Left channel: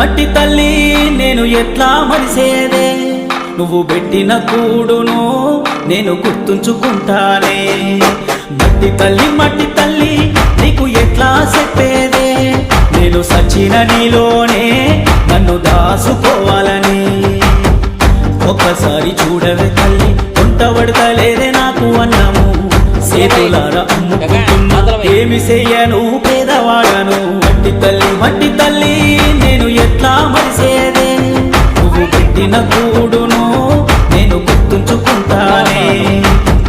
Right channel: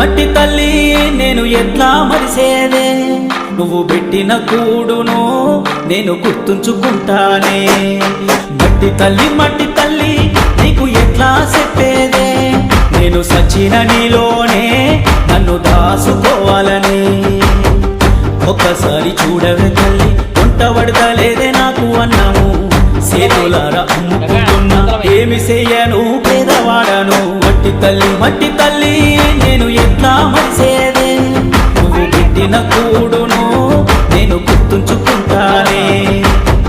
మట్టి తల్లి నేను ఎట్లా మరిసేదే, నువ్వు పెట్టిన కూడును నేను గుర్తుంచుకుంటానే. మట్టి తల్లి నీకు ఎట్లా చెప్పేదే, నేను సచిన నీలోనే నన్ను దాసుకోవాలని. ఒక్కసారి చూడవే తల్లి, వంట పడతలేదే నాకు అన్నము, సేతులారా అమ్ముకుంటున్నా ఏమి చెయ్యను పేదవాడను. మట్టి తల్లి నేను ఎట్లా మరిసేదే, నువ్వు పెట్టిన కూడును నేను గుర్తుంచుకుంటానే.